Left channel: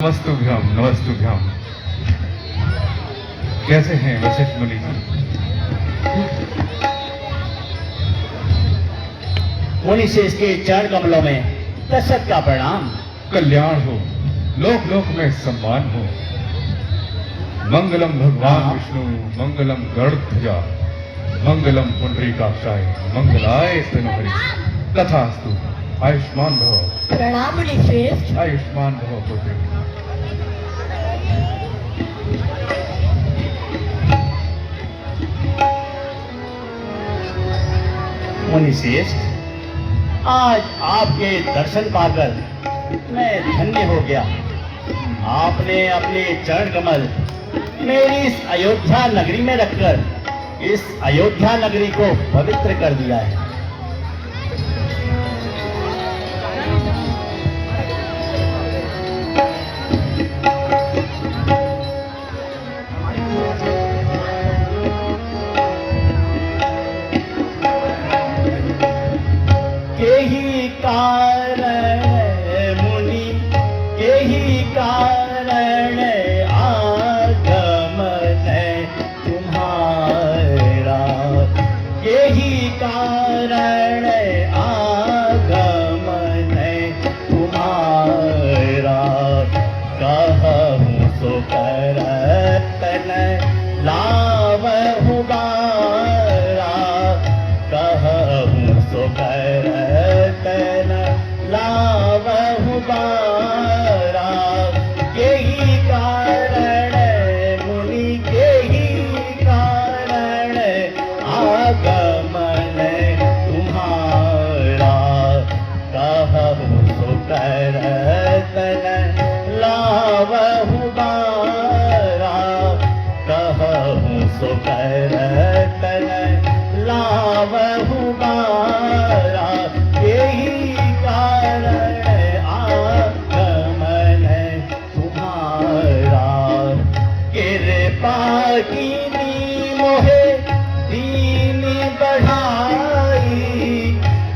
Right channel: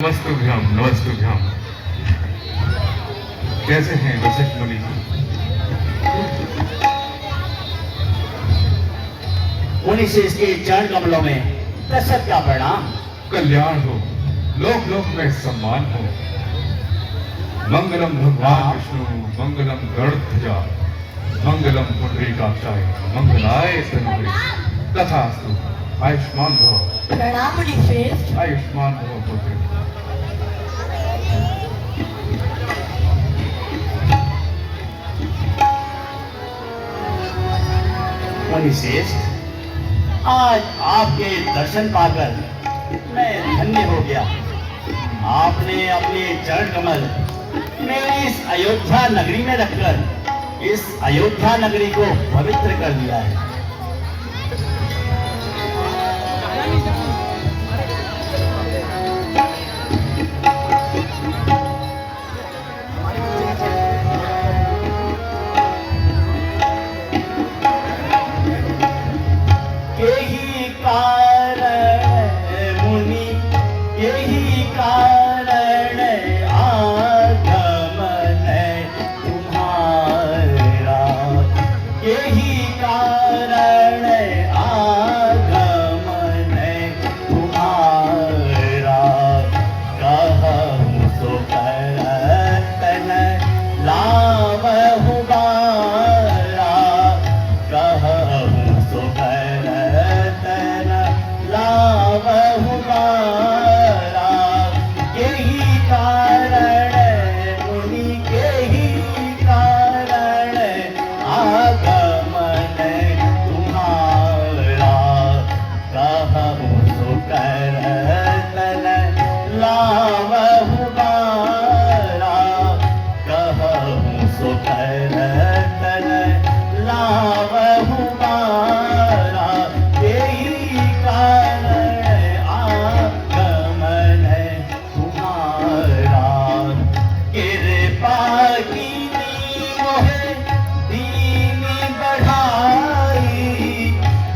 नमस्तुभ्यम नमस्तुभ्यम। कैसे हैं वशिष्ठ मुनि जी? मुनि से इसके चरण कमलों में दशरथ का प्रणाम। कल्याण हो, लोक लोक में सम्मान हो। मंगलम भगवान विष्णु, मंगलम गरुड़ध्वजा, मंगलम पुंडरीकाक्षाय, मंगलाय तनहरि। तथास्तु। आयुष्मान भव। प्रणाम मुनि श्रेष्ठ। आयुष्मान भव पुत्र। मुनि श्रेष्ठ, आज आपके दर्शन पाकर मैं धन्य हो गया। आपने अपने चरण कमल मेरी इस अयोध्या नगरी में रखकर इस अयोध्या नगरी को पवित्र कर दिया है। यही कारण मुनि, यही कारण आगमन तुम्हारा, यही कारण आगमन तुम्हारा। कहूँ तो करतन लावहु बारा, कहूँ तो करतन लावहु बारा। यही कारण मुनि, यही कारण आगमन तुम्हारा। कहूँ तो करतन लावहु बारा, कहूँ तो करतन लावहु बारा। यही कारण आगमन तुम्हारा। कृपा कीनी मोहे दीन बढ़ाई,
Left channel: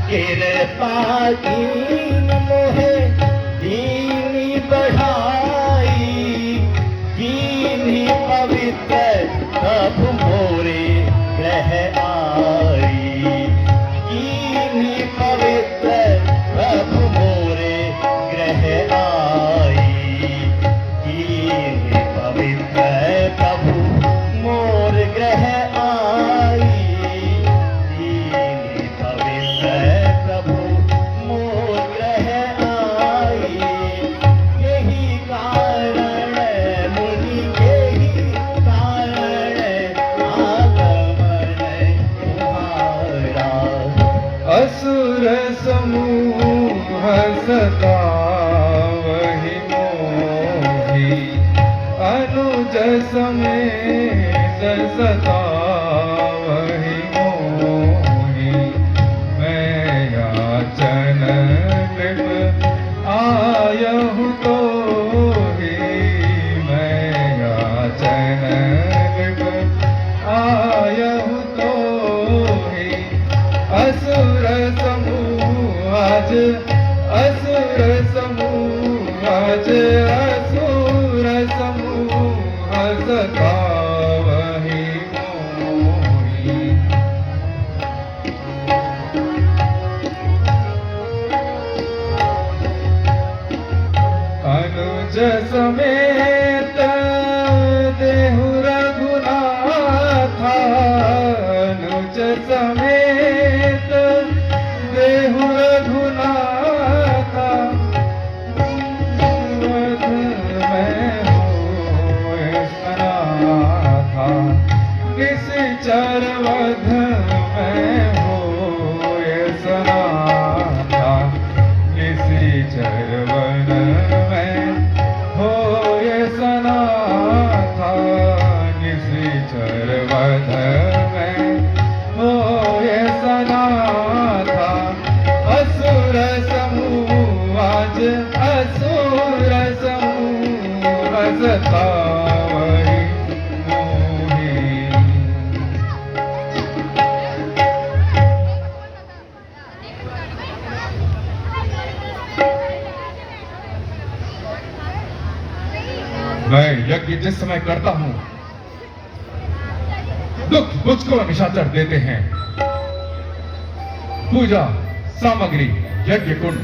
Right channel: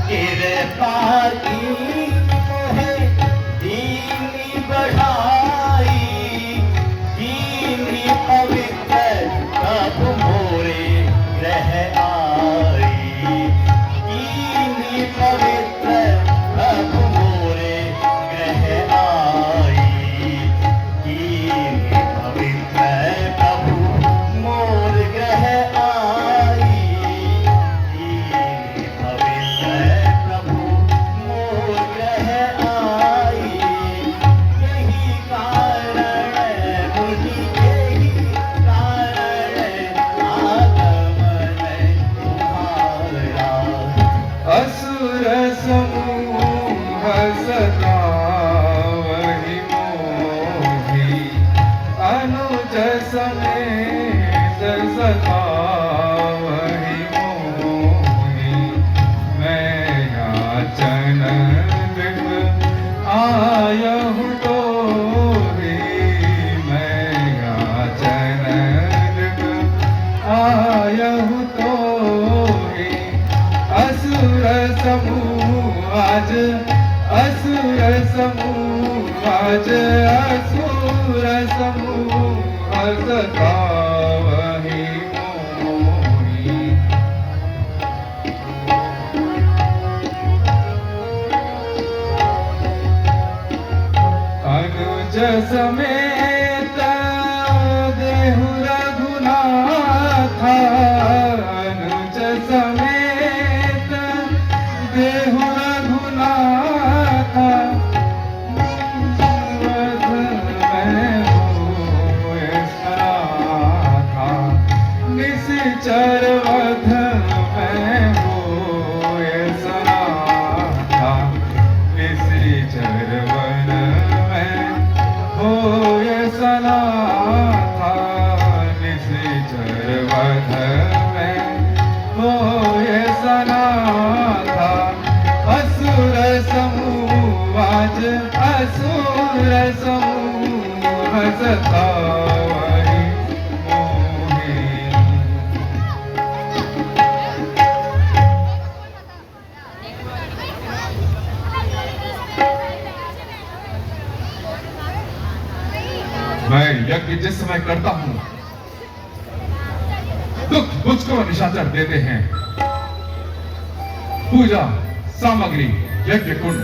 कृपा कीनी मोहे दीन बढ़ाई। कीनी पवित्र प्रभु मोरे ग्रह आई, कीनी पवित्र प्रभु मोरे ग्रह आई। कीनी पवित्र प्रभु मोर ग्रह आई, कीनी पवित्र प्रभु मोर ग्रह आई। यही कारण मुनि, यही कारण आगमन तुम्हारा। असुर समूह सदा वही मोहि, अनुज समेत सदा वही मोहि। मैं याचन लिप आयहु तोहि, मैं याचन लिप आयहु तोहि। असुर समूह आज, असुर समूह आज, असुर समूह सदा वही मोहि। अनुज समेत देहु रघुनाथा, अनुज समेत देहु रघुनाथा। वदन में होए सनाथा, निश्चर वदन में होए सनाथा। निश्चर वदन में होए यज्ञ जिस समय करता हूं, दुख मुझको निशाचर देते हैं। पूजा सामग्री, यज्ञ कुंड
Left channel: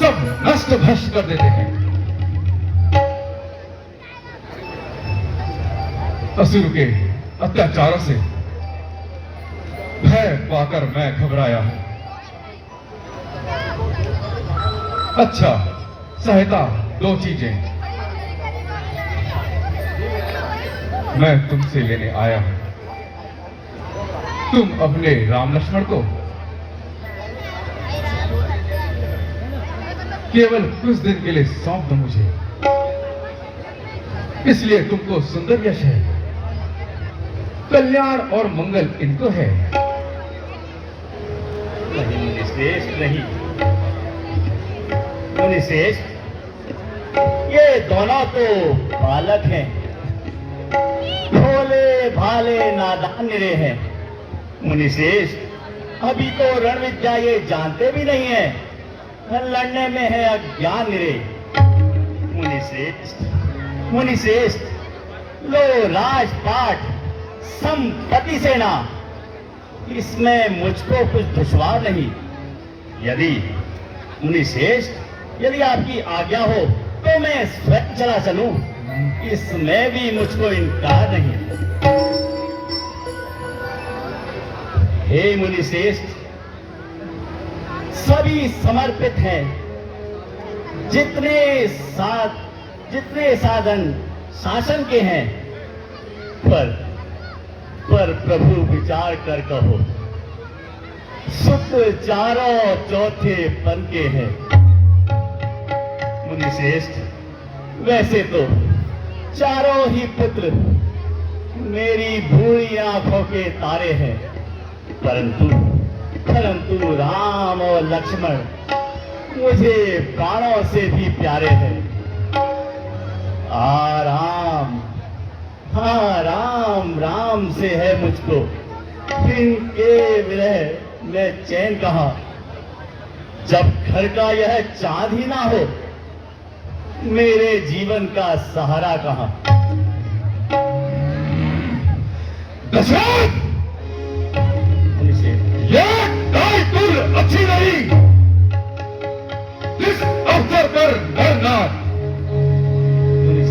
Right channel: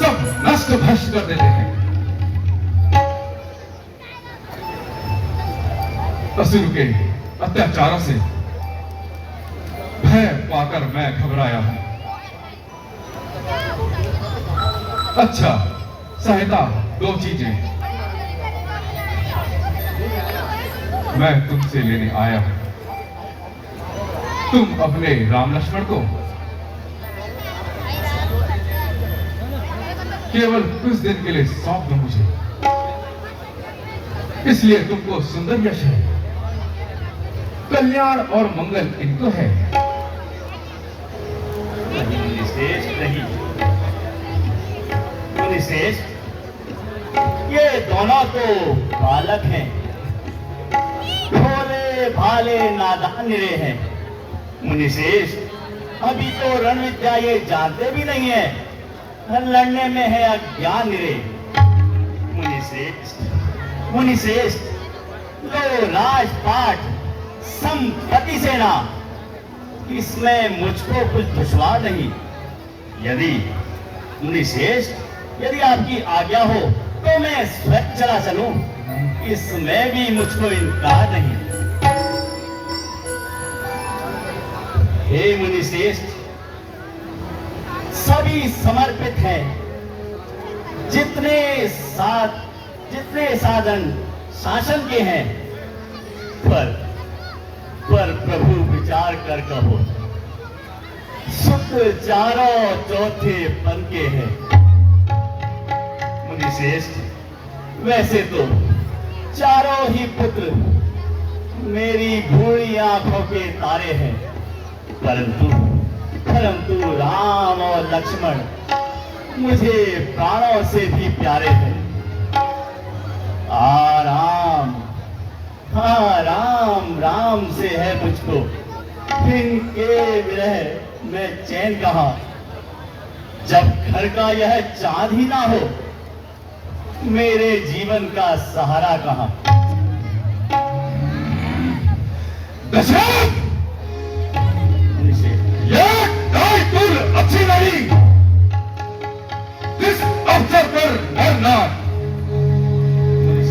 सब नष्ट भ्रष्ट कर देते हैं। असुर के अत्याचारों से भय पाकर मैं घबराया हूं। अच्छा, सहायता दो चीजें मैं तुमसे लेने आया हूं। तुम अपने राम लक्ष्मण को केवल कुछ दिन के लिए सौंप दो मुझे, इसलिए तुमको सुंदर यश है, कल्याण और मंगल इनको है। मुनिश्रेष्ठ नहीं, मुनिश्रेष्ठ, ये दोनों तो बालक हैं, भोले भाले नादान निरे हैं। मुनिश्रेष्ठ, अभी तो रण विद्या ये जानते भी नहीं है, लड़ने में है अज्ञान निरे। मुनिश्रेष्ठ, मुनिश्रेष्ठ, लो राजपाट संपत्ति सेना, इसमें मुझको कुछ दुश्वार नहीं। यदि मुनिश्रेष्ठ, यदि आपकी आज्ञा हो तो मैं स्वयं चला चलूं, इसमें भी मुझको इनकार नहीं। हे मुनिश्रेष्ठ, सभी समर्पित हैं, जितने साधन शासन के हैं, पर प्रभु विचार कर कहो, शुक्र चारों चौथे पन के हैं। मुनिश्रेष्ठ, वैसे तो चारों ही पुत्र मेरी भूरी आंखों के तारे हैं, परंतु राम और लक्ष्मण मुझे प्राणों से भी प्यारे हैं। राम से है मुझको, इनके विरह में चैन कहां। जब घर का यह चांद ही ना हो, मेरे जीवन का सहारा कहां। दशरथ, ये कुल अच्छी नहीं। किस अवसर पर डरना,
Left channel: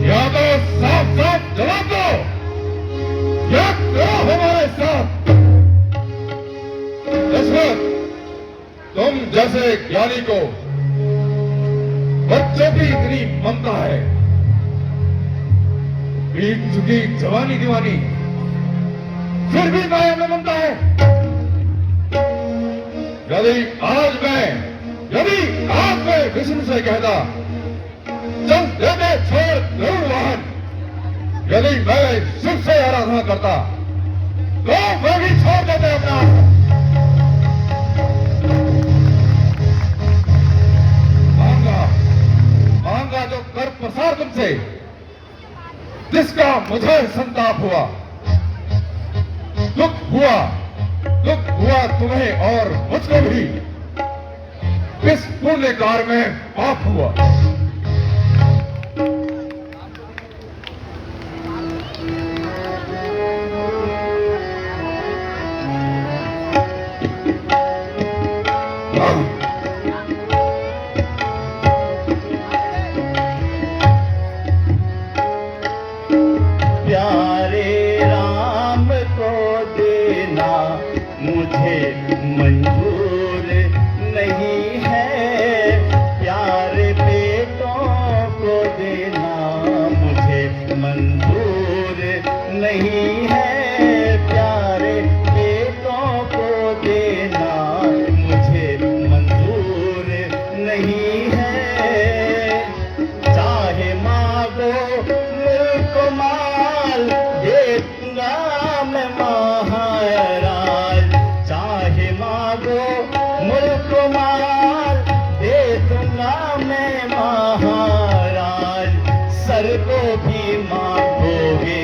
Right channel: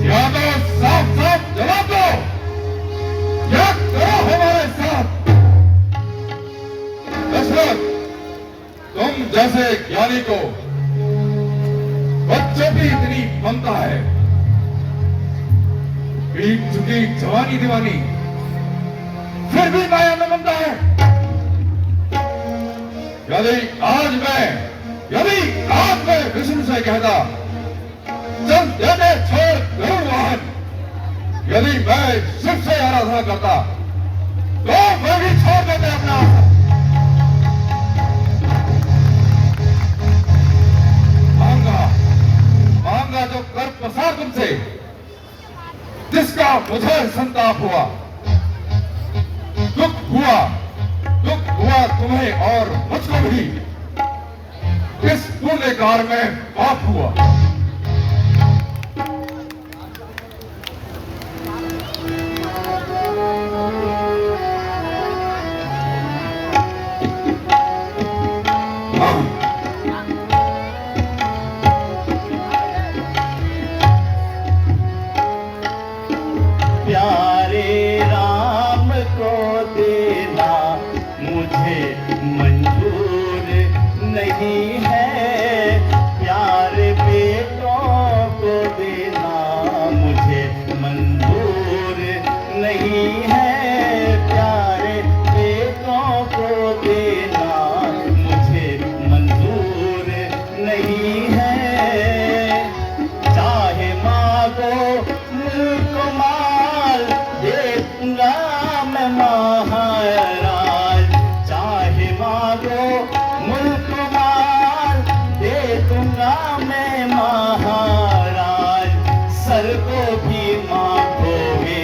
या तो साफ साफ जवाब दो, या करो हमारे साथ। दशरथ, तुम जैसे ज्ञानी को बच्चे भी इतनी ममता है, बीत चुकी जवानी दीवानी, फिर भी कायम में ममता है। यदि आज मैं विष्णु से कहता चल देने छोड़ दूर वाहन, यदि मैं शिव से आराधना करता तो मैं भी छोड़ देते अपना। मांगा जो कर प्रसार तुमसे, जिसका मुझे संताप हुआ, दुख हुआ तुम्हें और मुझको भी। इस पुण्य कार्य में पाप हुआ। प्यारे राम को देना मुझे मंजूर नहीं है, प्यारे बेटों को देना मुझे मंजूर नहीं है, प्यारे बेटों को देना मुझे मंजूर नहीं है। चाहे मांगो मुल्क माल, दे दूंगा मैं महाराज। चाहे मांगो मुल्क माल, दे दूंगा मैं महाराज। सर को भी मांगोगे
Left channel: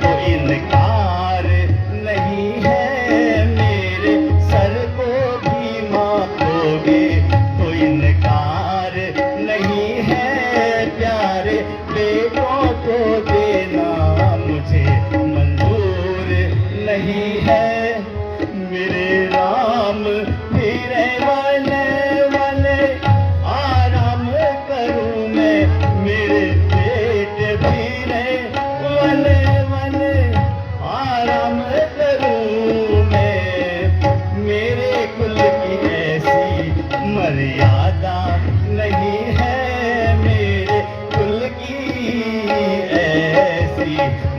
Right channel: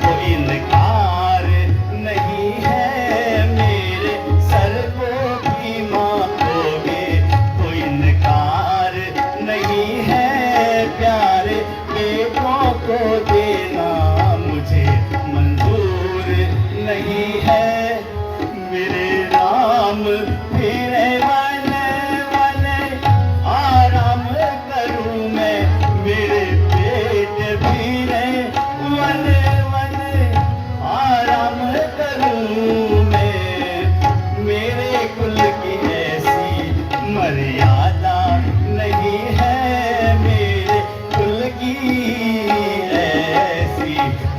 तो इनकार नहीं है, मेरे सर को भी मांगोगे तो इनकार नहीं है, प्यारे बेटों को दे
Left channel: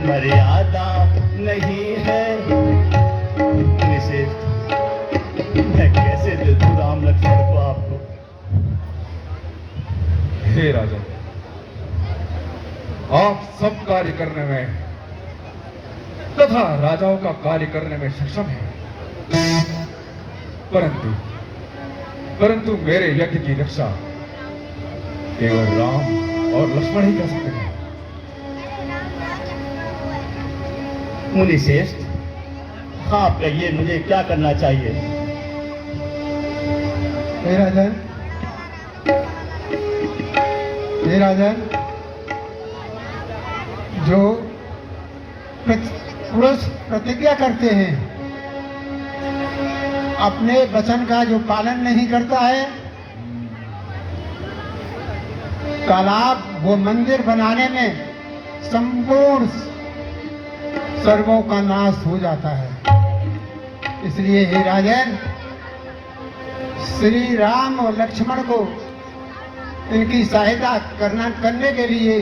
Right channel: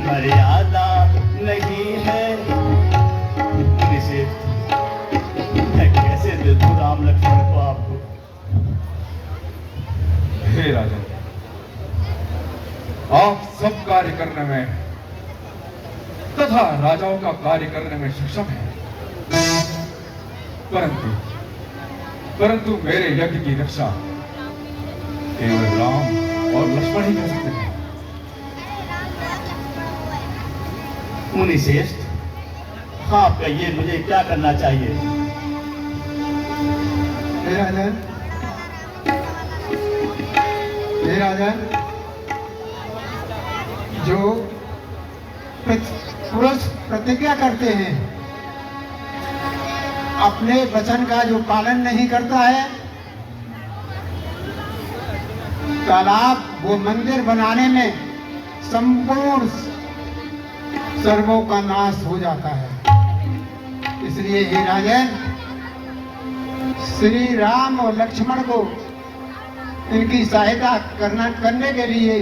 मर्यादा नहीं है। निषेध, मैं कैसे दे दूं राम लक्ष्मण को आपको? हे राजा, आप सब कार्य करने में तथा राजाओं का कार्य करने में सक्षम है, परंतु मेरे यज्ञ की रक्षा केवल राम और लक्ष्मण ही कर सकते हैं। मुनिश्रेष्ठ, आप कहिए मुझे क्या करना चाहिए? हे राजन, हे राजन, जो पुरुष प्रतिज्ञा करते हैं, अपने वचन का जो पालन नहीं करता है, तालाब वो मंदिर बनाने में संपूर्ण सर्वों का नाश हो जाता है। इसलिए हे राजन, श्री राम और लक्ष्मण को इनकी सहायता करने के लिए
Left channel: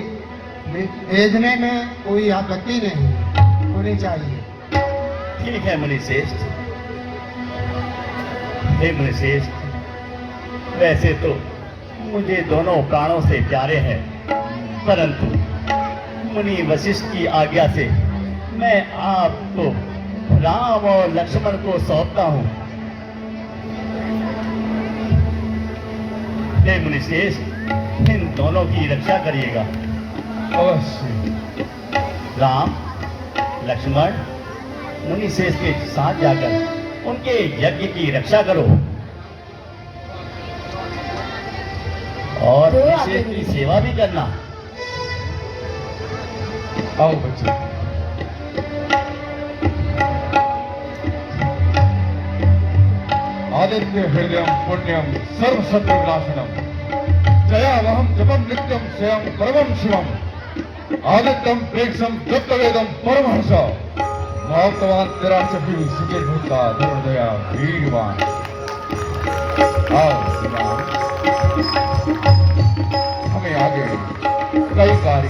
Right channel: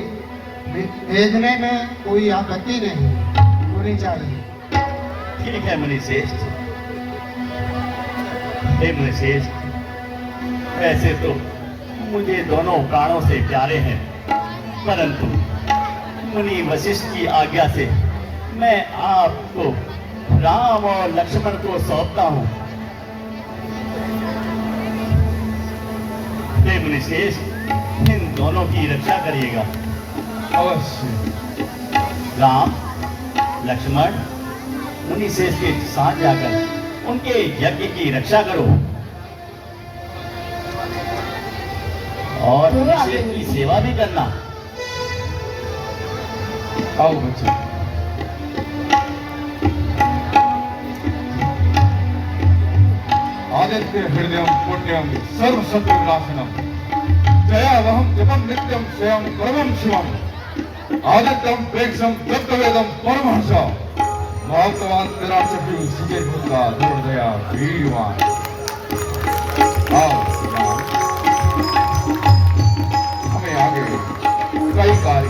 भेजने में कोई आपत्ति नहीं होनी चाहिए। ठीक है मुनिश्रेष्ठ। हे मुनिश्रेष्ठ, वैसे तो मुझे दोनों प्राणों से प्यारे हैं, परंतु मुनि वशिष्ठ की आज्ञा से मैं आपको राम और लक्ष्मण को सौंपता हूं। हे मुनिश्रेष्ठ, इन दोनों की रक्षा करिएगा। अवश्य। राम लक्ष्मण मुनिश्रेष्ठ के साथ जाकर उनके यज्ञ की रक्षा करो और मुनिश्रेष्ठ की सेवा भी करना। आओ बच्चे। आदित्य हृदयम पुण्यम सर्व शत्रु विनाशनम जयावहम जपम नित्यम स्वयं परमं शिवम आदित्यम प्रेक्षम तत्वेदम परमहंस महात्मान तिरासठी सिजे होता दुर्दया वीरवान। आओ हमें आगे कई कार्य